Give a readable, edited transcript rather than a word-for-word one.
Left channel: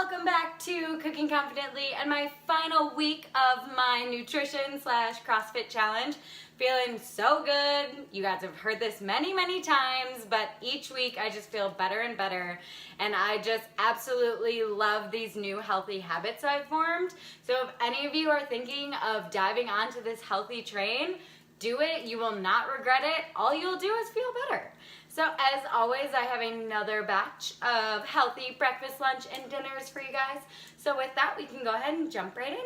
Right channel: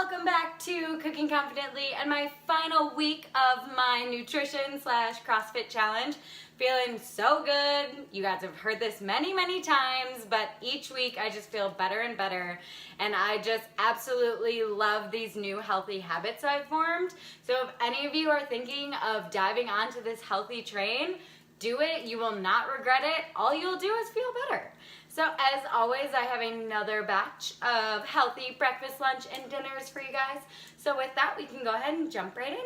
welcome back to Cooking Confidently and my final week of my nutrition / CrossFit challenge. Feeling so good. You guys have heard this many times, but each week I just feel better and better, and I just absolutely love these new healthy habits I've formed. So if any of you are thinking of diving onto this healthy train, do it. You will not regret it. All you'll do is feel better. So as always, I have another batch of healthy breakfast, lunch, and dinners for you guys. So with that, we can go ahead and jump right in.